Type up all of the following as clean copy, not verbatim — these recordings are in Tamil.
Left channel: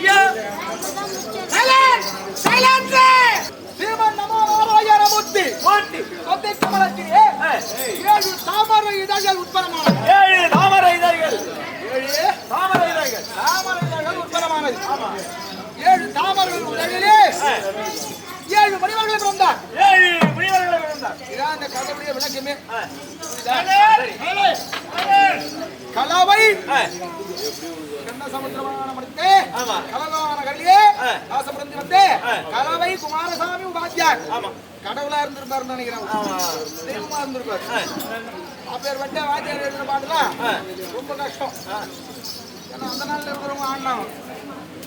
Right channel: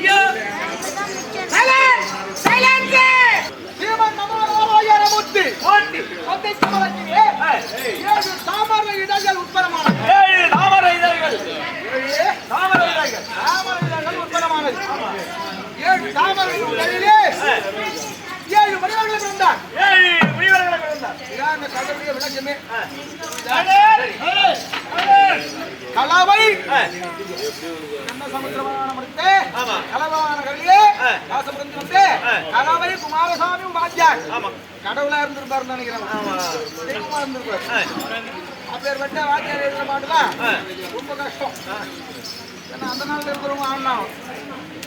ஐயா சைலன்ஸ் ஸ்ரீமன் நமோ நாராயணமூர்த்தி மூர்த்தி ஒத்தை சமலக்கிரியே 7 தாமரை இதழ்கள் உட்பரமானது 7 தாமரை இதழ்கள் உட்பரமானது ஆமா 7 தாமரை இதழ்களிலே 7 மணிவர்கள் பிறந்தார் 7 மணிவர்கள் பிறந்தார் இதான் அந்த கண்டபடிய விளக்கமே கலவை என்ன சமுத்திரமான மடுத்தே கலவான கலியே ஆசமரந்தினத்தே கலவை குமாரசாமி உபாத்தியார் கடவுளா இருந்திருப்பாருன்னு நினைக்கிறேன் தெய்வமா இருந்திருப்பாரு அப்பேர் வட்ட வாத்தியார் எழுதுற பாட்டுலாம் ரொம்ப கஷ்டம் ஏன்னா அந்த நாள்ல இருக்கிறவங்க ஆடணும்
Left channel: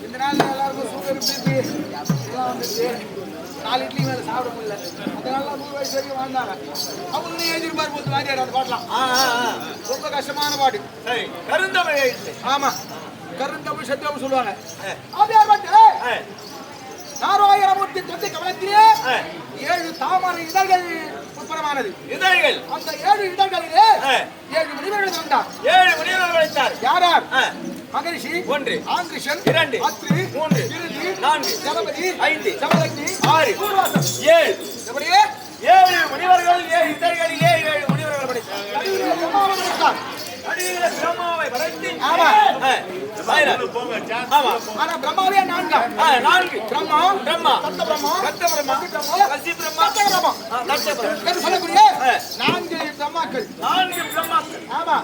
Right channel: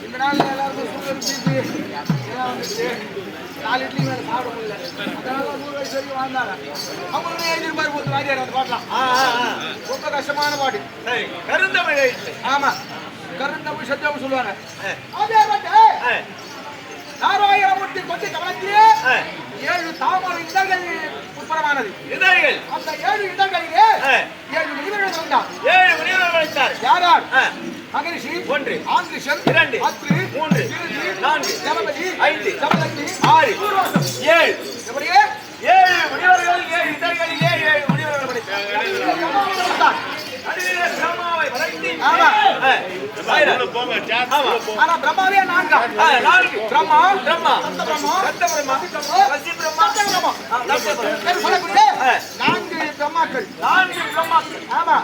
இந்த நாள்ல எல்லாருக்கும் சுகர் பிபி இதெல்லாம் வந்துச்சு 4 இட்லி மேல சாப்பிட முடியல அதனால 100 வயசு வரைக்கும் வாழ்ந்தாங்க அவங்க எழுதிருப்பாரு போது வாத்தியார் அந்த பாட்டலாம் ரொம்ப கஷ்டமான பாட்டு கருந்தமிழ் ஆமா கருந்தமிழ் சத்தியம் சொல்லுவாங்க அதே பாட்டு நாராயணமூர்த்தி தொட்டி கவலத்திலே 7 தாமரை இதழ்கள் உட்பரமானது இதழ்கள் அந்த 7 இதழ்களிலே 7 முனிவர்கள் இருந்தார் 7 முனிவர்கள் இருந்தார் யார் யார் மகரிஷி 1 ஆங்கிருஷ்ணன் 2 அத்ரி 3 கிருதி 4 ஜலபதி 5 சமலக்னி 6 7 எப்படியே 7 முனிவர்கள் 7 இதழ்களிலே 7 முனிவர்கள் படித்தார் அடியிலே பிரம்மாவை படைத்து ஆமா ஆனா பிரம்மாவே 4 பிரம்மா சப்த பிரம்மா கசி பிரம்மா லட்ச பிரம்மா சொல்லக்கூடிய 4 பிரம்மாக்கள் ஆமா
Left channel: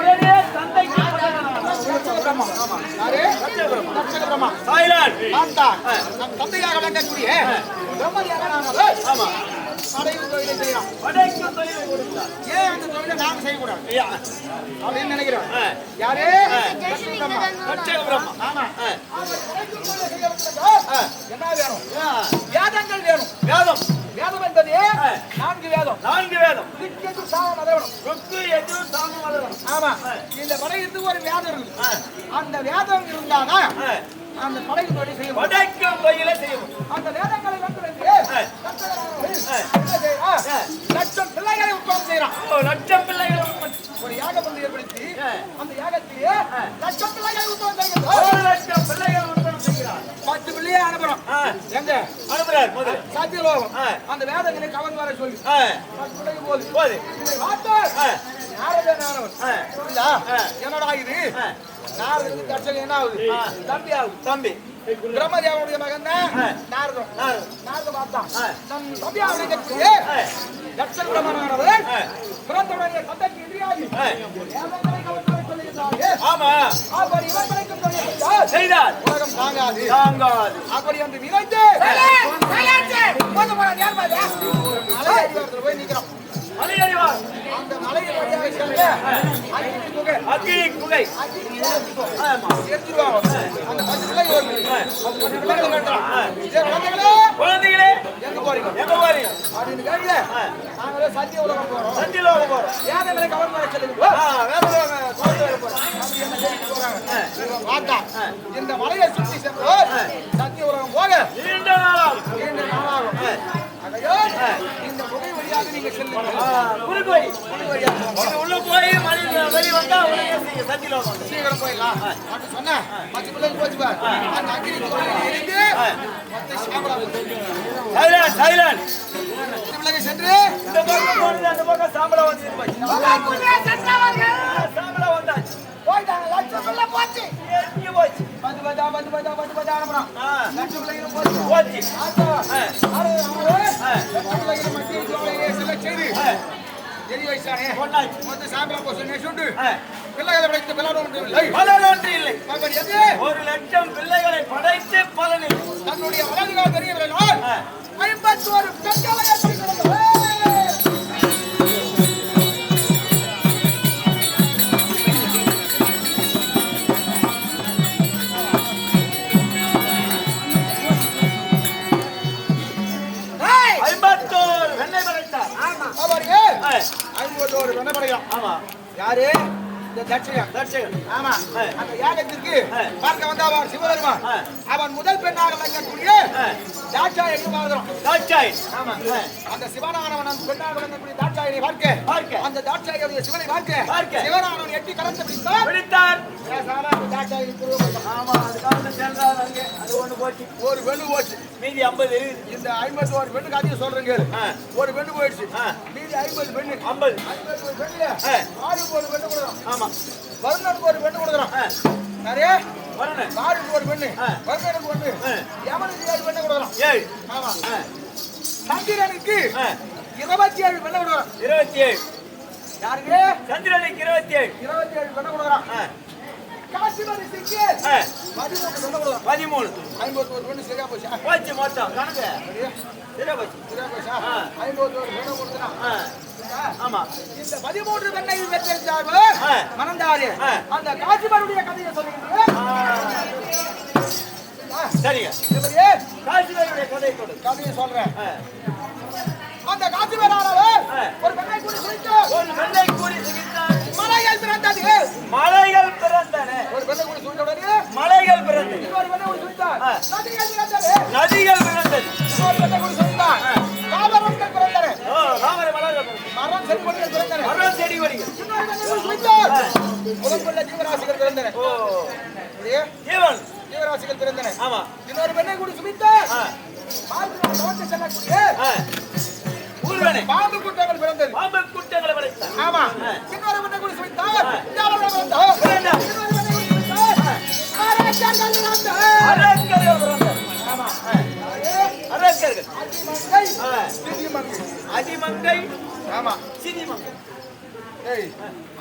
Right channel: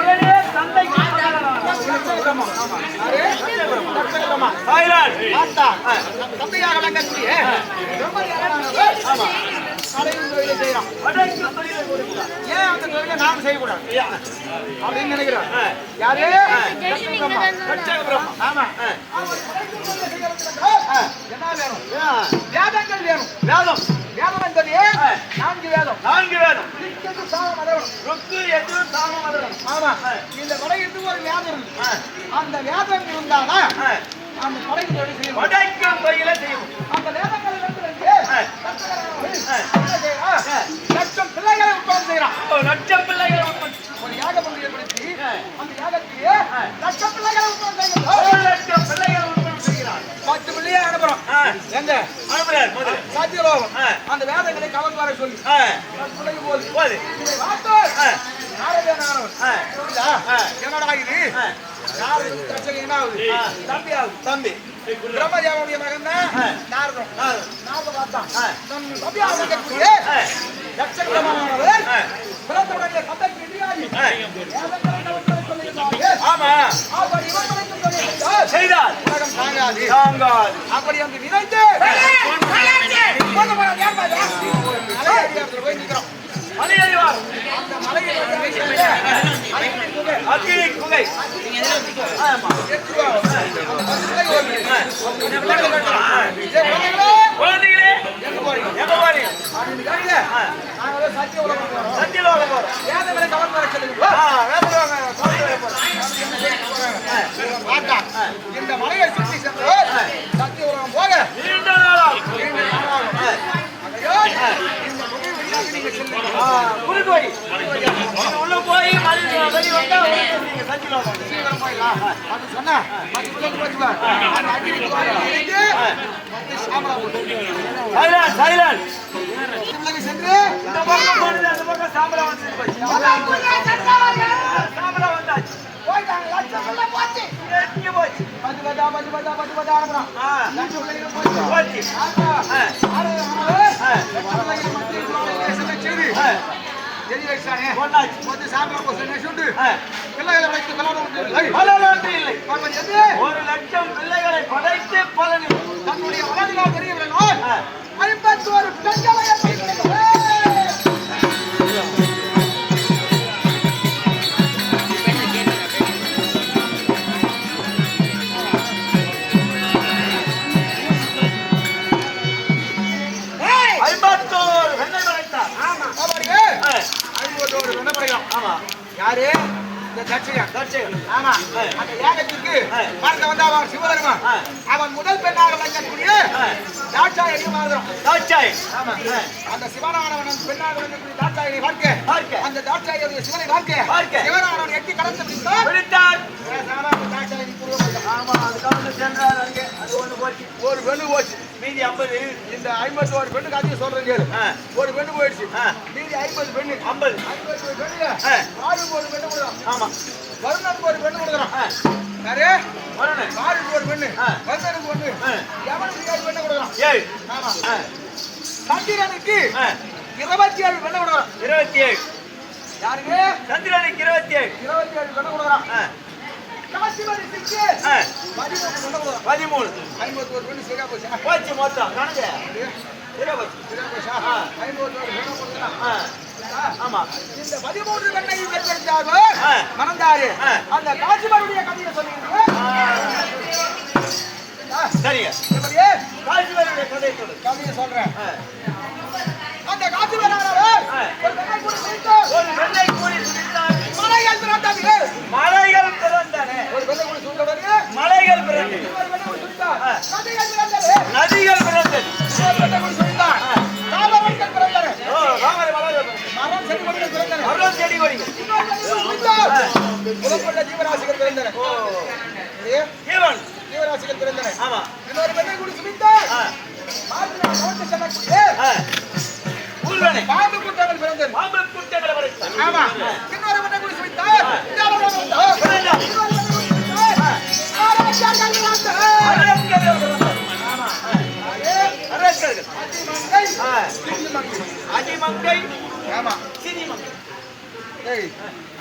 உடனே தந்தைக்கு பிரம்மா ஆமா லட்ச பிரம்மா சாய்லான் தந்தையாக வந்தக்கூடிய பிரம்மா ஆமா அடைக்கும் தொழிலை செய்யறான் அடைக்கும் தொழிலை கொடுக்கிறான் ஏன் அந்த தொழிலை நாம செய்யக்கூடாது அப்படின்னு நினைக்கிறான் யாரு பிரம்மா ஆமா என்ன வேணும் வேதங்கள் வேணும் வேதம் என்பது 4 வேதம் ருக்கு யஜுர் சாம மதரம் ஆமா இந்த படையிற்கு ஒரு வேதம் இருக்கு அந்த வேதம் இருந்தாதான் அந்த படைக்கு தொழில் செய்யும் படைக்கும் தொழிலை செய்யும் அந்த வேதங்களை லட்சம் பிள்ளைகளை உற்பத்தி செய்யறான் லட்சம் பிள்ளைகளை உற்பத்தி ஒரு யாக பங்கு ஏற்படுத்தி அந்த யாகத்திலே லட்சம் பிள்ளைகளை உற்பத்தி செய்யணும் லட்சம் பிள்ளைகளை உற்பத்தி செய்கிறார் 10 பிள்ளையை அனுப்புறோம் எங்க அனுப்புறார் முதல்ல சாத்தியலோகம் அந்த வேதங்களை கவர்ந்து வர சொல்லி 10 பிள்ளைக்கு போகுது இதை பார்த்தோம் என்னடா இது தம்பி பிரம்மதேவனுடைய மகன் நாரதம் பார்த்தான் தம்பி அவனுடைய தட்ச பிரம்மனானவர் பிறந்தவுடனே தந்தைக்கு எதிராகி செய்தார் உலகம் தாங்காது அப்படி என்று நினைத்து போய் நிற்கிறோம் மலை அறிவார் அந்த மலையை அக்னி குகை ஆமா எடுத்துவாங்க அந்த 10 குழந்தைகளே எங்க போறீங்க அப்படின்னு கேளுங்க நாங்க சத்திய உலகம் போறோம் வேதங்களை கவர்ந்து வர சொல்லுங்க வேதங்களை கொண்டு வர போறோம் பார்த்தா இந்த மலையை சுற்றி சென்று சத்திய உலகம் போக நீண்ட நாளாகும் இந்த குறுக்கு வழி உள்ள போய் வெளி வந்தா நீங்க சத்தியலோகம் சீக்கிரம் போயிடலாம் சொன்னா சைலன் சென்று இந்த பக்கம் போனது அந்த பக்கம் சாம்பலா வந்து சாம்பலா வந்தாச்சு போயிட்டாங்க லட்சம் பிள்ளை போச்சு எங்க போச்சு 10 அனுப்புறான் லட்சம் பிள்ளைங்க போச்சு ஒரு லட்சம் பிள்ளைகளை படைத்து பலனில் தன்னுடைய அழகாக தெரியவில்லை 51 பெண்களை யாரு இந்த தட்சகன் ஆமா அந்த யாகத்திற்கு பார்க்க வந்த அவர் சிவபெருமான் அவன் முதல் பெண்ணாக வந்தக்கூடிய தாட்சாயணி தாட்சாய் ஆமா அந்த சிவனானவன் அந்த பெண்ணாக வந்தக்கூடிய தாட்சாயணி பார்க்க அந்த தாட்சாயணி சிவனை பார்க்க சிவனானவன் எட்டி கடந்து பிடித்தார் கவுந்து சென்றார் அங்கே அது ஒண்ணு போச்சு ஒரு பெண்ணு போச்சு மீதி 50 இருக்குது இந்த 51 பெண்ணுக்கு அதிகம் சொல்றேன் கேளு ஒரு பெண்ணு போயிடுச்சு மீதி 50 பெண்ணு 50 பெண்ணுங்க ஆளுக்கு ஒரு பெண்ணு கொடுக்குறோம் ஆமா வருணனுக்கு ஒரு பெண்ணு கொடுக்குறோம் யாரு வரணும் ஆளுக்கு ஒரு பெண்ணு வருணனுக்கு ஒண்ணு எவனுக்கு ஒரு பெண்ணு கொடுக்குறோம் 7 ஆமா சந்திரனுக்கு 27 பெண்ணு கொடுக்குறோம் 27 யாருக்கு சந்திரனுக்கு 27 பெண்ணு கொடுக்குறோம் காசிமணி சிக்கு 13 பெண்ணு கொடுக்குறோம் 13 51 பெண்ணு சரியா போச்சா போச்சு மொத்தம் கணக்கு சரியா போச்சு 51 பெண்ணு கொடுக்குறோம் ஆமா இந்த 13 பெண்ணை வெற்றியாக மணந்தாரு அந்த காசிமணியுடைய கதையை சொல்லுங்க சரிங்க எப்படியே காசிமணியுடைய கதையை சொல்றேன் அந்த காசிமரானவர் ஒரு பெண்ணை கூட சுட்டார் ஒரு பெண்ணை கூறி சுட்டார் மலைகள் பிறந்தது மலைகள் பிறந்தன ஒரு பெண்ணை கூட சுட்டவரே மலைகள் பிறந்தது ஒரு பெண்ணை கூட சுட்டார் நதிகள் பிறந்தது நதிகள் பிறந்தது ஒரு பெண்ணை கூட சுட்டார் காலவர்கள் பிறந்தன ராமரை மலர்கள் மரம் செடி கொடிகள் பிறந்தன மரம் செடி கொடிகள் சுட்டார் புலப்பட்ட ஜீவராசிகள் பிறந்தன ஜீவன் ஜீவராசிகள் பிறந்தன ஆமா இன்னொரு பெண்ணை கூட சுட்டார் பார்த்து நமக்கு சொல்லக்கூடிய ஊர்வனை பாம்பு கூட்டங்கள் பிறந்தது பாம்பு குட்டைகளை வரைத்தார் ஆமா இன்னொரு பெண்ணை கூட சுட்டார் இன்னொரு பெண்ணை கூட சுட்டார் ஆராய்ச்சியாளர்கள் வந்தார் அரக்கர்கள் பிறந்தார் ஆமா அரக்கர்கள் அதிமங்கை அதிமங்கை ஆமா சினிமங்கை ஏய்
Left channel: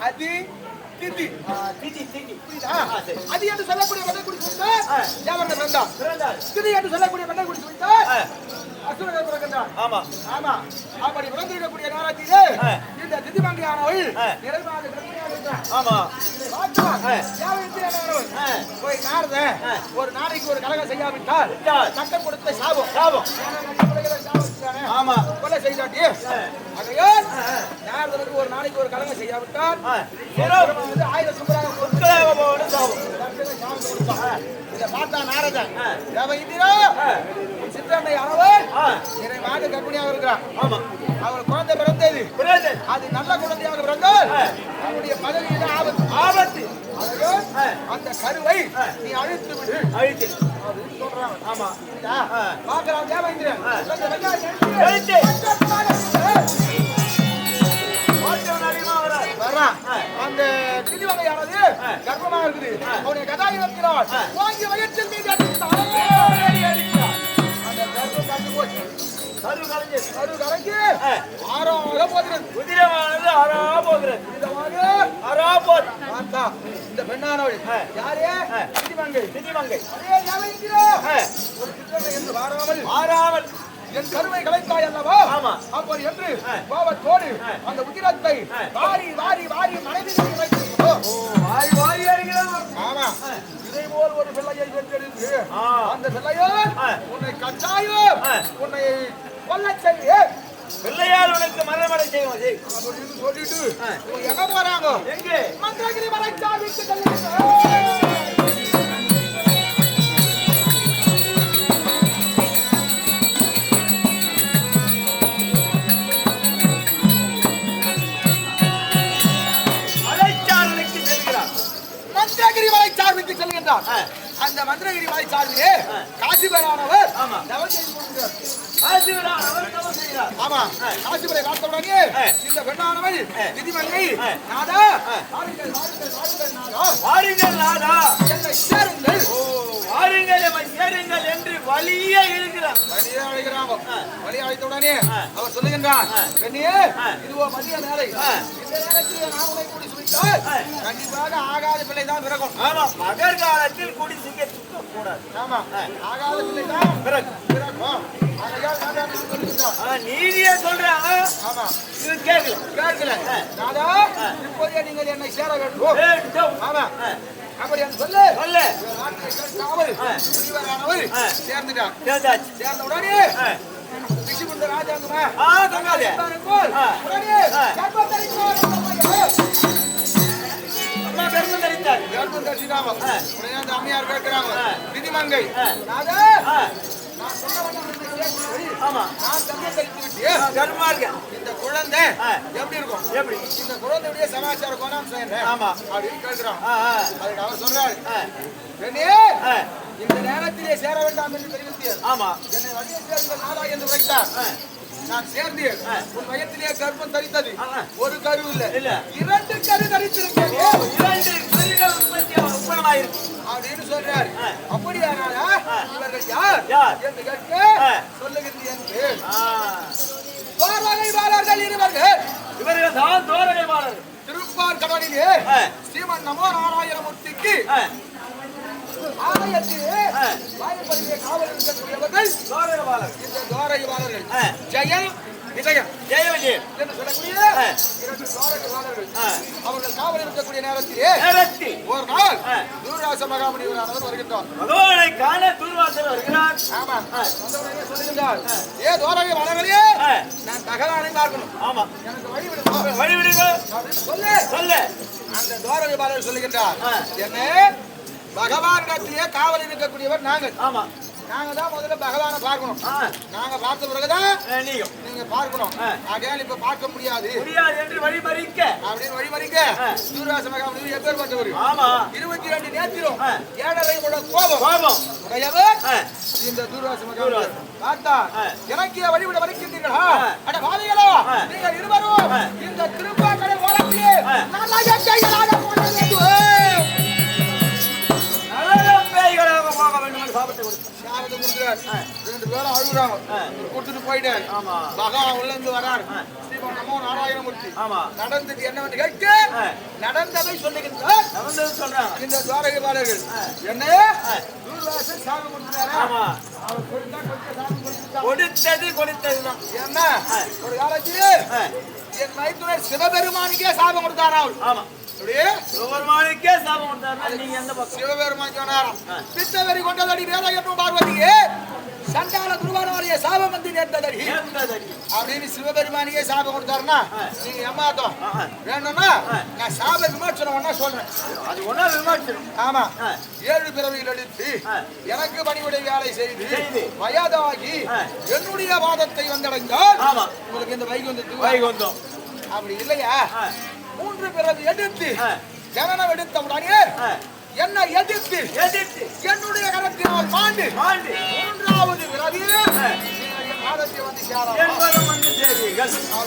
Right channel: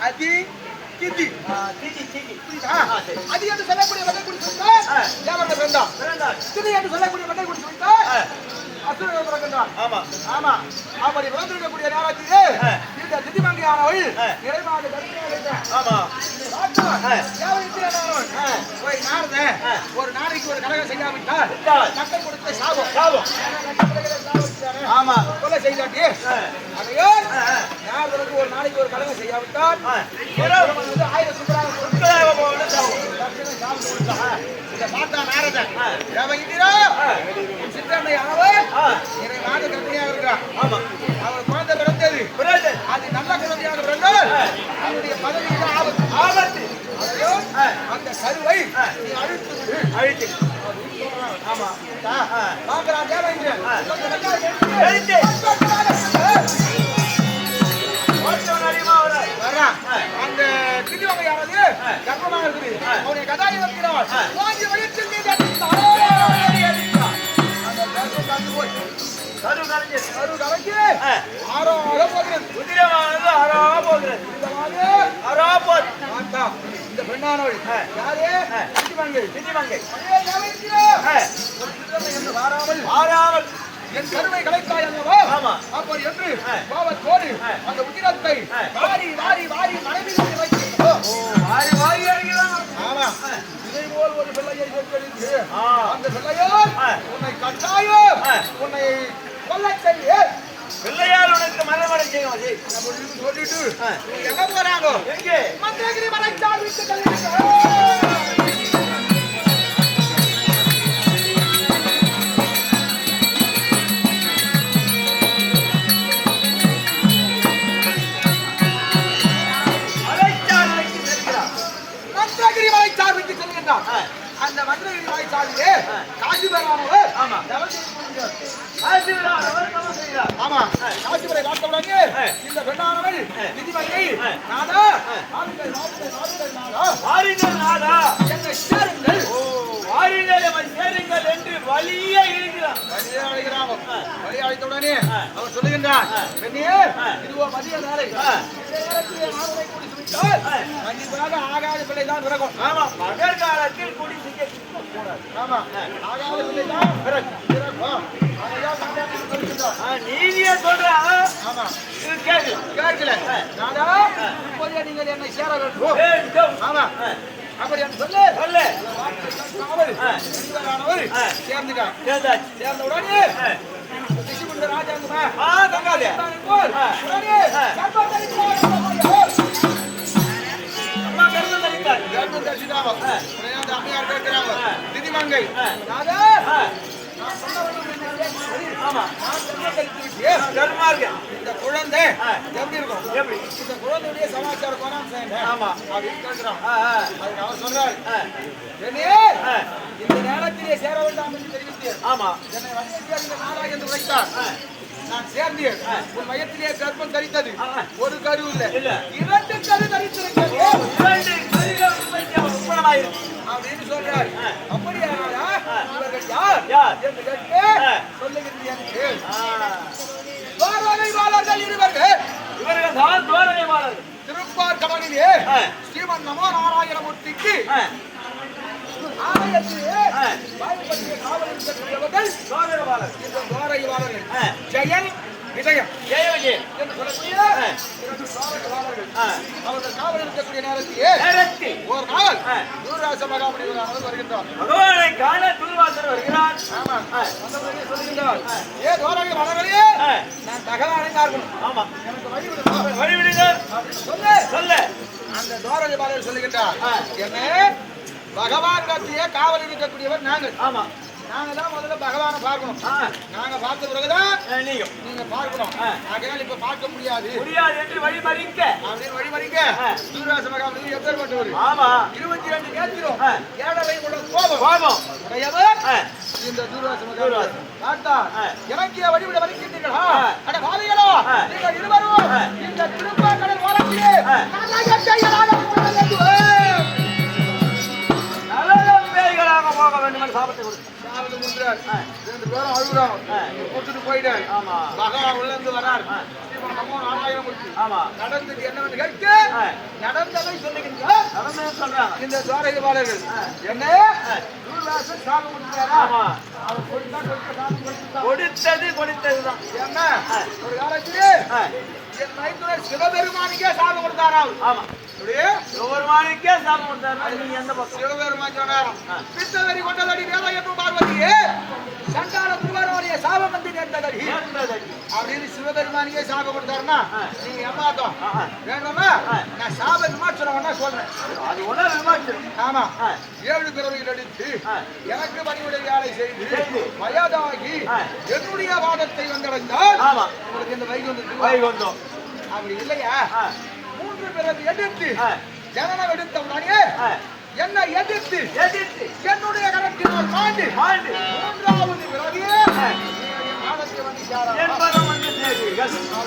அதி திதி திதி திதி அதி என்று சொல்லக்கூடிய பெண்ணை கூட சுட்டார் யாவர்கள் பிறந்தார் பிறந்தார் திதி என்று சொல்லக்கூடிய பெண்ணை கூட சுட்டார் அசுரர்கள் பிறந்தார் ஆமா ஆமா அப்படி பிறந்திருக்கக்கூடிய நேரத்திலே இந்த திதிமங்கையானவள் நிறைவான கர்ப்பிணியாக இருந்தார் ஆமா போய் நாரத ஒரு நாளைக்கு ஒரு கலகம் செய்யாவிட்டால் சட்டம் கொடுத்த சாபம் சாபம் ஆமா கொலை செய்தாட்டி அதையோ நாரதனுக்கு ஒரு நாளைக்கு ஒரு கலகம் செய்யாவிட்டால் 1000 சுப்பராக இதை பார்த்தா நாரதன் சித்தன்னை அளவர் இதை மாத கற்பனையாக இருக்கிறார் அவர் குழந்தை பிறந்தது அது நல்ல குழந்தையாக இருந்தால் அவருடைய பதவியில் ஆபத்து ஆபத்து அதையோ அந்த கருவை நீ அழுத்து விடு அழுத்து ஆமா பார்க்கலாம் தேவேந்திரன் அந்த திடீவகையானது கர்ப்பமாக இருக்குது அவனுடைய கதாயை வைக்கிறார் வாங்கி வயிற்றில் மீது அடித்தார் அந்த கரு கலந்து போச்சு கரு கலங்கி ஆறாக போகிறது குதிரமானது அரா போகிறது இந்த பெண்ணானவள் யாரே திதிமங்கை திதிமங்கை என்று வாராமல் ஆறாமல் என் கருணை கலைத்தாய் அல்லவா ஆமா அப்படி என்று கோபத்தோடு அந்த உதிரத்தை வாரி வாரி வாரி மனைவி வைத்திருக்கிறோ வாரி வாரி அடிக்கிறாங்க ஆமா இதை போல் ஒரு பிள்ளையை பெற்றெடுத்து அந்த பிள்ளையால் உன்னை கட்டாயம் உன்னை கொல்ல செய்ய பிள்ளையால் உனக்கு மறைமடை செய்யும் அப்படின்னு சொல்லிட்டு எங்க போறாங்க எங்கே மந்திரகிரி மலைச்சால் விட்டு கல்யாணம் மந்திரகிரி மலைச்சார்பிற்கு செல்கின்றார் அந்த மந்திரகிரி மலைச்சார்பிலே காசிபரானவர் தவம் செய்து கொண்டிருக்கிறார் ஆமா காசிபரை பார்த்தவுடனே இந்த பெண்ணானவள் திதிமங்கை நாதா வாருங்கள் வாருங்கள் வாருங்கள் நாதா வாருங்கள் நாதா என்னை சேருங்கள் வாருங்கள் சேருங்கள் என்று வலியே இருக்கிறார் வலியே அழைக்கிறான் வலியே அழைத்தவுடனே அவர் சொல்லுகின்றார் பெண்ணியே இதுவோ மதிய நேரை இந்த நேரத்தில் நான் உன்னை குடி சுவிட்டால் கண்டிப்பாக ஆகாத பிள்ளை தான் பிறக்கும் ஆமா மகர் காலத்தில் குடி சிக்க கூடாது ஆமா ஆகாத பிள்ளை தான் பிறக்கும் நீதியே சொல்றாங்க ஆமா இது கேட்கல நாதா இப்போதே நீங்கள் என்னை சேர வேண்டும் ஆமா அப்படி என்று சொல்லு சேர்ந்துட்டார் சேர்ந்த உடனே ரிஷிகுண்ட ராஜாங்கமா தங்காதே அம்மையார் கேட்கிறாங்க திதிமங்கை நாதா நான் சொன்ன வண்ணம் என்ன சரி. ஆமா. நான் கர்மம் கழித்து விட்டு கர்மா இருக்கு. இந்த குழந்தை எப்படி இருக்கும்? எப்படி? இந்த குழந்தையுடைய சமாச்சார கோணம் என்ன? ஆமா. அப்படின்னு கேட்கிறான். அதுக்கு அவர் சொல்றாரு, ஆ. என்னே, இந்த நேரத்திலே சேர வேண்டாம் என்று தெரிவித்து ஆமா. என்னை வழியை சேர்ந்த நாடா என்று வைத்தார். நான் சேர்ந்து உன் வயத்திலே கர்ப்பம் தரித்தது ஒரு கரு இல்ல 2 கரு தரித்திருக்கேன். 2 கருகள் உண்மையாயிருக்கு அப்படின்னு சொல்றாரு. அப்படியானாலா இவர்கள் யார் என்று கேட்டு சொல்லுகிறீர்கள். துவாரகைவாளர்கள் இவர்கள் தான் துவாரகைவாளர்கள். திருப்பார் கடலிலே ஸ்ரீமன் நமோ நாராயணமூர்த்திக்கு ஆலயத்திலே வாய்ப்படிய காவல் இருக்கக்கூடியவர்கள் துவாரகைவாளர்கள். இந்த துவாரகைவாளர்கள் ஜெயன் விஜயம் என்று சொல்லக்கூடிய 2 துவாரகைவாளர்கள். அவர்கள் காவல் இருக்கக்கூடிய நேரத்திலே ஒரு நாள் தூர்வாச மகாமுனிவரானவர் வருகின்றார். பகவானை காண தூர்வாசர் வருகிறார். ஆமா. வந்தவரே சொல்லுகின்றார், ஏ துவாரகைவாளர்களே, நான் பகவானை பார்க்கணும். ஆமா. எனக்கு வழி விடுங்க. வழி விடுங்க அப்படின்னு சொல்ல அந்த துவாரகைவாளர் சொல்லுகின்றார், என்ன பகவானிடத்திலே காவல் இருக்கக்கூடியவர் நாங்கள். ஆமா. நாங்க தான் முதல்ல பகவானை பார்க்கணும். நாங்க பார்த்த பிறகுதான் நீங்க பார்க்கணும். ஆகையால் இப்ப பார்க்க முடியாது என்று வழிமறிக்க அப்படின்னு வழிமறிக்க தூர்வாச மகாமுனி எப்பேற்பட்டவர்? ஆமா. 22 நேத்திரம் ஏழரை உள்ள கோபம் உடையவர் இந்த தூர்வாச மகாமுனி. பார்த்தா இறக்கிய வழிவிட வருகின்றீர்களா? அட பாவிகளா, நீங்கள் இருவரும் இந்த திருப்பாக்கடல் ஓரத்திலே போக வேண்டும் என்று சாபத்தை கொடுத்தார். சாபத்தை கொடுக்கிறார். 2 பேரும் அழுகுறாங்க. கொடுத்துட்டு போயிட்டார். ஆமா. பகவான் உள்ள இருந்து வரார். ஸ்ரீமன் நமோ நாராயணமூர்த்தி. ஆமா. நடந்தது என்னவென்று கேட்டு நடந்ததை சொல்லுகின்றார். நடந்தது சொல்றாங்க இந்த துவாரகைவாளர்கள். என்ன தூர்வாசன் சாபம் கொடுத்தாரா? ஆமா. அவர் கொடுத்தா சாபம் கொடுத்தார். கொடுத்ததுதான். ஏன்னா ஒரு காலத்திலே என் மைத்துனர் சிவபெருமானுக்கே சாபம் கொடுத்தாராம். ஆமா. சிவபெருமானுக்கே சாபம் கொடுத்தாருன்னா நீங்க எந்த பக்கம்? சிவபெருமான் சொன்னாராம், சித்தவெறி கொண்டதடி வேலையப்ப பார்வதியே சண்டால துர்வாரவரைய சாபம் வந்து நேர்ந்ததடி அப்படின்னு சிவபெருமானியே சாபம் கொடுத்தாருன்னா நீங்க ஏமாத்தோம் வேணும்னா நான் சாப விமோச்சனம் வேணா சொல்றேன். அது ஒண்ணா விமோச்சனம். ஆமா. 7 பிறவியில் எடுத்து எனக்கு பணிவுடைய வேலை செய்து வயதாகி என்னுடைய வாதத்தை வந்தடைந்தால் உங்களுக்கு இந்த வைகுந்தம் அப்படி இல்லையா? 3 பிறவி எதிர்த்து ஜனனம் எடுத்த உடனே என்ன எதிர்த்து என்னுடைய கரத்தினால் மாண்டு 3வது பிறவியே காலத்தை வந்து சேராது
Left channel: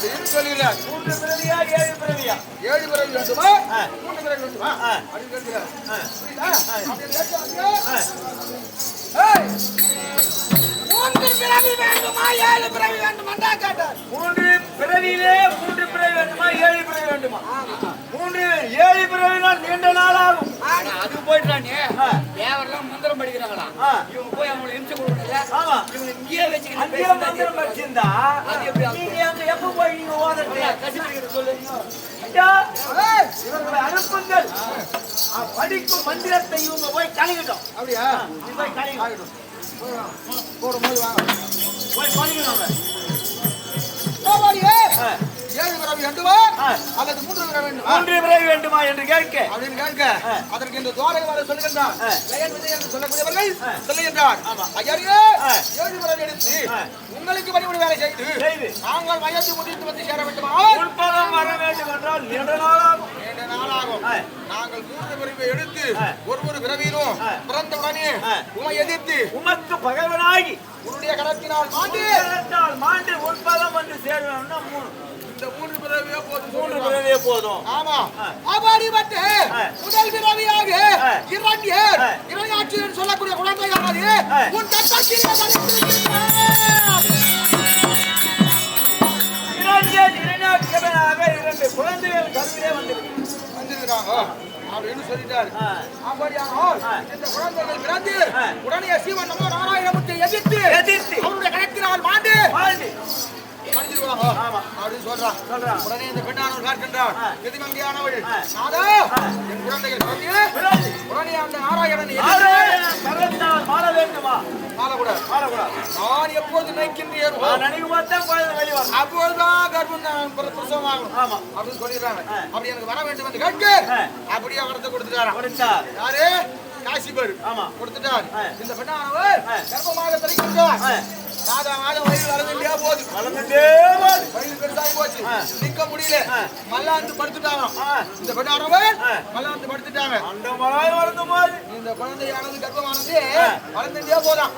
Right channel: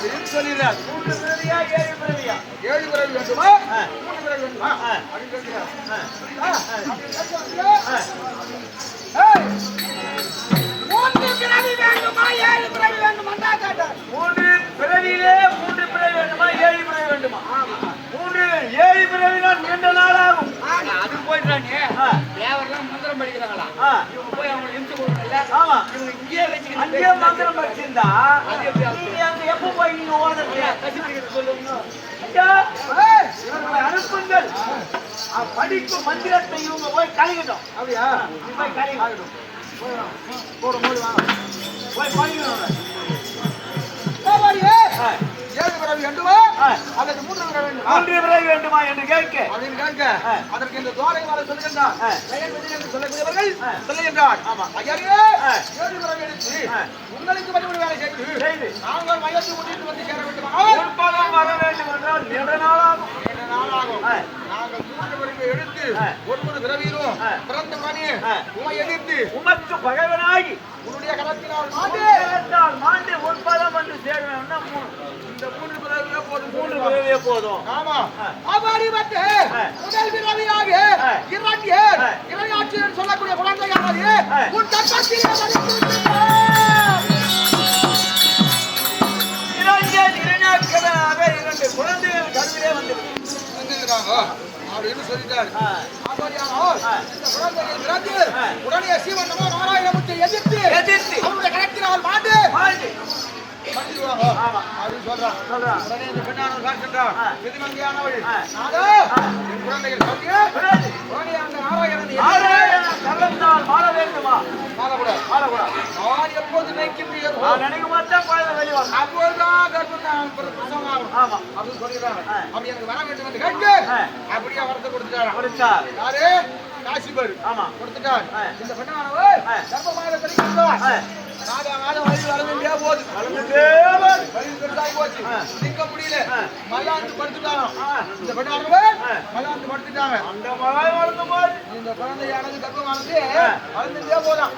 அப்படின்னு சொல்லிடுறார். 3 பிறவியா 7 பிறவியா? 7 பிறவி வேண்டுமா 3 பிறவி வேண்டுமா அப்படின்னு கேட்கிறார். பிறவி வேண்டுமா 7 பிறவி வேண்டுமா கேட்டார். 3 பிறவியிலே 3 பிறவி வேண்டுமா 7 பிறவி வேண்டுமா? 7 பிறவினால் நீண்ட நாள் ஆகும். அது போயிட்டானே தேவரெல்லாம் மந்திரம் படிக்கிறாங்களா? இவங்க போய் அவங்களை இம்சை கொடுக்கல. ஆமா. இவங்க இங்கேயே வச்சுக்கிட்டு அங்கேயே மந்திரம் படிச்சிருந்தா நீங்க அங்க எப்ப போய் நீங்க ஓதுறது சொல்லுங்க. இவங்களை அனுப்புங்கள். படிக்கும் மந்திரத்தை இவங்க போய் கழிக்கட்டும். அப்படியா? போய் கழிக்கட்டும். போடும்போது வாங்க போய் படிக்கணும். 7 பிறவி வேண்டுமா அல்லது 3 பிறவி வேண்டுமா? 3 பிறவி வேண்டுமா என்று கேட்க அப்படின்னு கேட்க அதற்கு இந்த துவாரகைவாளர் சொல்லுகின்றார். ஜெயன் விஜய் என்று சொல்லக்கூடியவர்கள் சொல்லுகின்றார், ஐயரே 7 பிறவி எடுத்து உங்களுக்கு பணிபுரி வேலை செய்து நாங்கள் வயது முதிர்ந்து வந்து சேர வேண்டுமா? வர வேண்டும் என்றால் நீண்ட நாளாகும். நாங்கள் 3 பிறவி எடுத்து ஒரு பிறவியிலும் பிறந்த உடனே உமை எதிர்த்து உமக்கு பகைவனாகி உன்னுடைய கரத்தினால் மாண்டு உட்பதம் என்று சேருவேன்னா 3 பிறவியே போதும். 3 பிறவியே போதும். ஆமா. அபாரிபத்தே முதல் பிறவியாக இரண்டாட்சியர் சொல்லக்கூடிய குழந்தையானது உன் தத்தத்தில் இரண்டாக 2 குழந்தைகள் கருவிலே வந்துருக்காங்க அப்படின்னு சொல்லிட்டாரு. இந்த குழந்தைகள் பிறந்து உடனே சீவன் நமோ நாராயணமூர்த்தி எதிர்த்து அவருடைய கணக்கினால் மாண்டு அப்படின்னு சொல்றான். உடனே இந்த பெண்ணானவர் காட்டுகின்றார், விதிமங்கியானவள் குழந்தைகள் உடனே அந்த நாராயணன் மாற வேண்டுமா? நான் எப்போது நினைக்கின்றேன் அப்போதுதான் கர்ப்பம் பிரசவமாகும் அப்படின்னு சொல்லிடுறாங்க. அப்படி எனக்கு வர வேண்டும் என்று கேட்டு அப்படியே வரத்தை கொடுத்துட்டாரு. யாரு? காசி பேரு ஆமா கொடுத்துட்டார். இந்த பெண்ணானவர் கர்ப்பமாக தெரிவிக்கிறார். மாதம் வயது வர வேண்டியா போகுது. வயது பெருசாகி போச்சு. நிற்க முடியல. மல்லாந்து படுத்துட்டாங்க. இந்த பெண்ணானவர் மல்லாந்து படுத்துட்டாங்க. இந்த குழந்தையானது கர்ப்பமானது வளர்ந்துட்டே போதான்.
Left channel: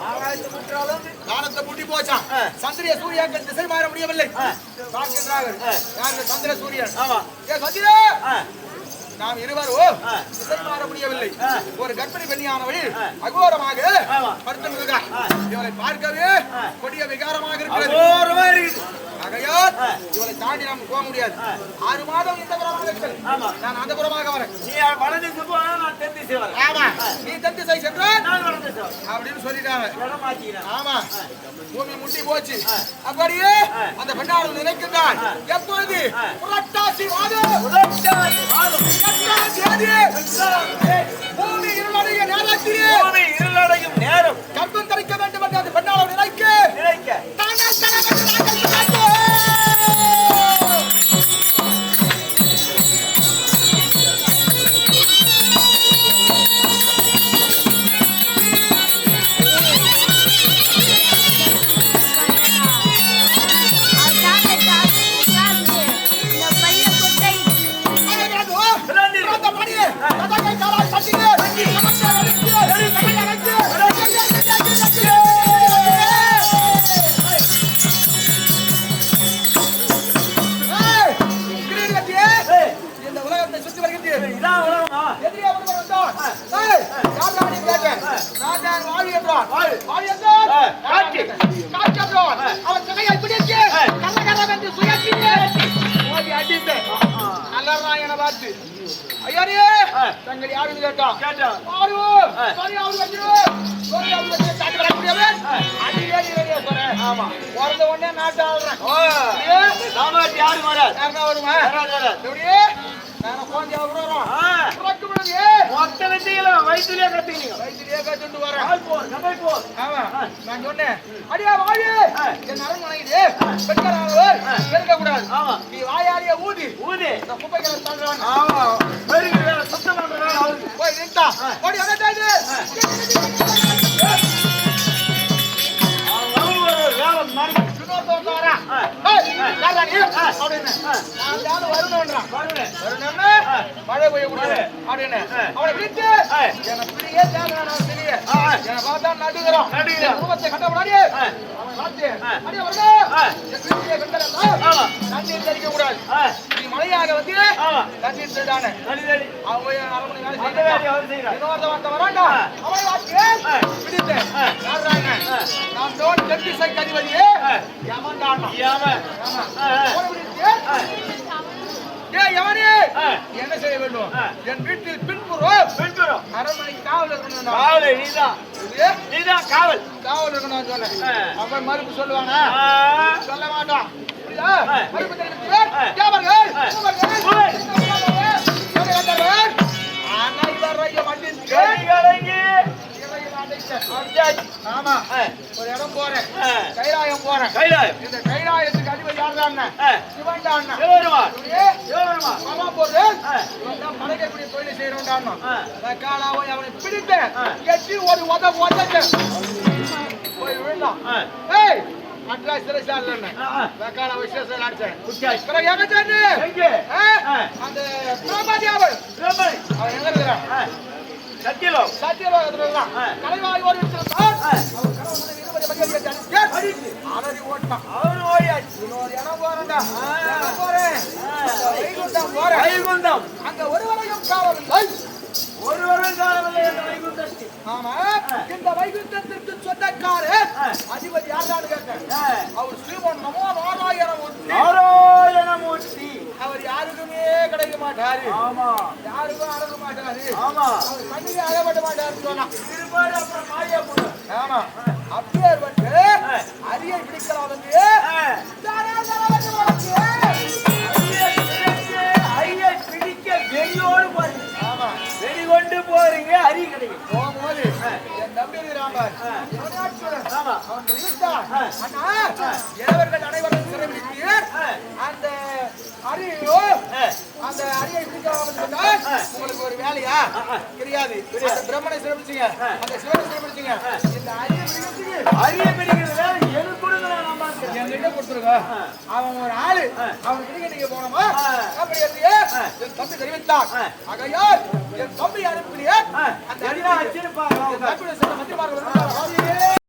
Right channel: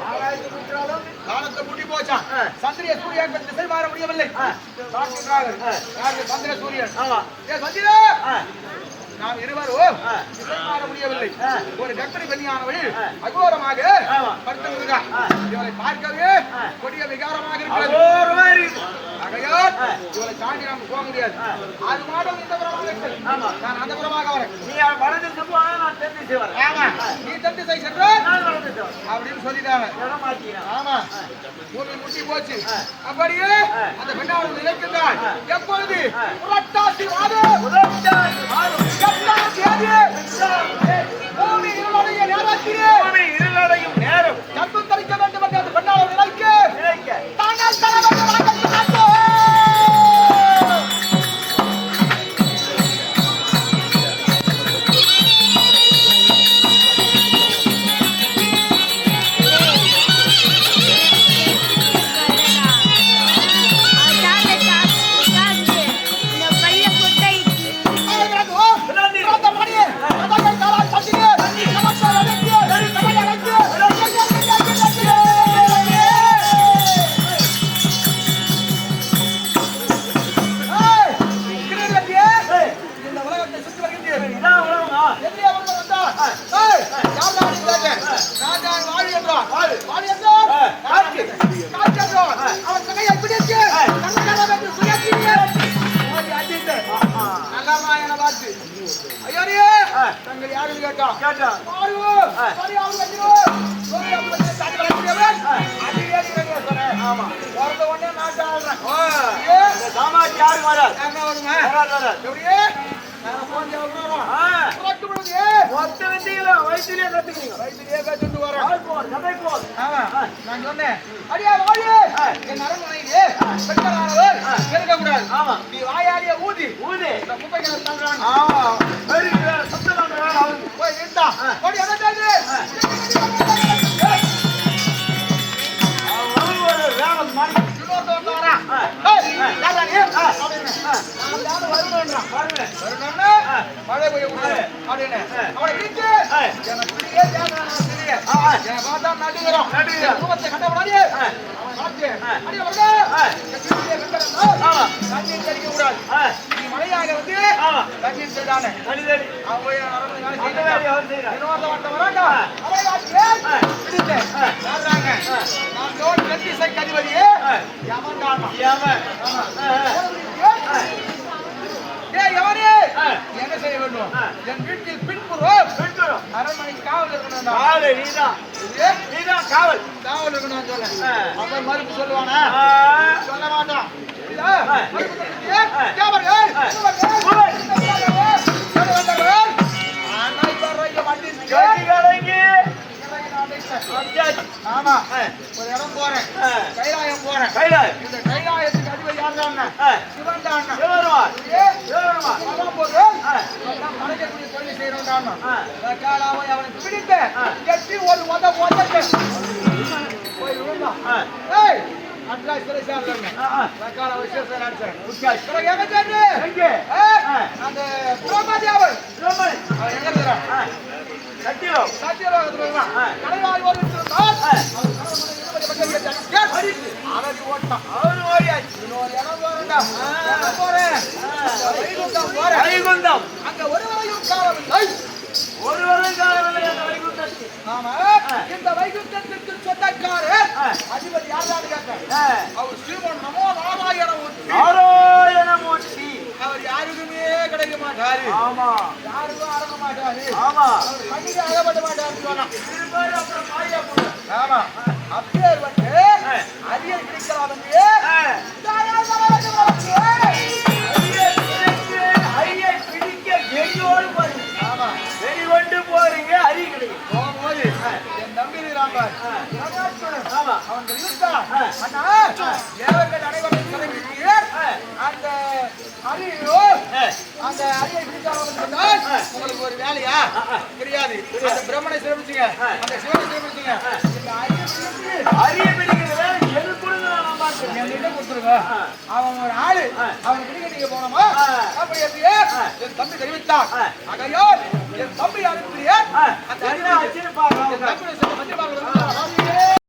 காலத்தை முட்டி போச்சான். சந்திரிய சூரியன் திசை மாற முடியவில்லை. பார்க்கின்றார்கள். சந்திர சூரியன் சந்திரே நாம் இருவரும் திசை மாற முடியவில்லை. ஒரு கர்ப்பிணி பெண்ணியானவள் அகோரமாக படுத்திருக்கிறார். இவளை பார்க்கவே கொடிய விகாரமாக இருக்கிறது. ஆகையால் இவளை தாண்டி நாம் போக முடியாது. 6 மாதம் இந்த புறமாக இருக்கிறது. நான் அந்த புறமாக வரேன். நீ வலது திசை நான் தென் திசை வரேன். ஆமா நீ தென் திசை சென்றால் நான் வலது திசை அப்படின்னு சொல்லிட்டாங்க. இடம் மாத்திக்கிறேன். ஆமா பூமி முட்டி போச்சு. அப்படியே அந்த பெண்ணானது நினைக்கிறாள். எப்பொழுது புரட்டாசி மாதம் பூமி இருளடைய நேரம் கர்ப்பம் தரிக்க வேண்டும் என்று அந்த பெண்ணானது நினைக்க தாங்கள் தர வேண்டும் நாங்கள் சொன்னோம். நான் சொன்னேன் அடியா வாழு என் அரண்மனையிலே பெண்களானவர் இருக்கக்கூடாது. நீ வாயாடிய ஊதி இந்த குப்பைகளை தள்ளுறாங்க. போய் நின்றா ஓடி அடைத்தாது மழை பெய்யக்கூடாது அப்படின்னு அவனை விட்டு நடுகிறோம் முகத்தை கண்டபடாது தண்ணீர் தெளிக்க கூடாது. நீ மழையாக வந்து தண்ணீர் செய்தானே வராண்டா என்ன செய்ய வேண்டும்? என் வீட்டில் பின்புறம் அரண்மனை காவல் இருக்கணும். காவல் இருக்கணும் சொல்ல அவன் மறுப்பு சொல்லுவானா? சொல்ல மாட்டான். ஆமா ஒரு இடம் போறேன். கைலாயம் போறேன். இந்த கைலாயத்துக்கு அதிபதி யாருன்னா சிவன் தான். படைக்கக்கூடிய தொழிலை செய்யறோம். காலாவை அவனை பிடித்து எட்டி ஒரு உதக்க போய் விழுந்தான். அட்லா சிறைச்சாலை அந்த திரௌபதி அவள் சத்தியலோகத்துல கலைவாய் ஒரு அலறி ஓட்டான். இன்னொரு இடம் போறேன்டா போறேன் வைகுந்தம். அங்க ஒருவரையும் காவவில்லை. ஆமா இந்த வைகுந்தத்திற்கு சொந்தக்காரர் அதிபதி யாரான்னு கேட்கிறேன். அவர் ஸ்ரீமன் நமோ நாராயணமூர்த்தி. அவர் யாருக்குமே கிடைக்க மாட்டாரு. ஆமா யாருக்கும் அடங்க மாட்டாரு. ஆமா அவர் கண்ணுக்கு அகப்பட மாட்டாருன்னு சொன்னா. ஆமா அப்பேற்பட்டு அரியை பிடிக்கலாம் என்று ஐயை பிடிக்க வெறியோடு வெறிகொண்டு போறீங்க அறிய கிடைக்கும் போகும்போது என் தம்பி இருக்கிறான் ஆமா அவன் இருந்தான் அண்ணா தேவர்கள் அனைவரும் சிறைபிடித்தீர் அந்த அரியோ அந்த அரியை உங்களுக்கு ஒரு வேலையா தெரியாது அந்த பிரம்மனை சிறைபிடிச்சீங்க அந்த சிவனை சிறைபிடிச்சீங்க இந்த அரிய பிடிக்கிறது எனக்கு கொடுங்க நான் பார்க்கிறேன் என்கிட்ட கொடுத்துருங்க அவன் ஒரு ஆளு அவன் கிட்ட நீங்க போனோமா அப்படி எப்படியே என் தம்பி தெரிவித்தான் ஆகையால் என் தம்பி அனுப்புகிறேன் அந்த என்ன வச்சிருப்பாங்க தம்பி மந்திரி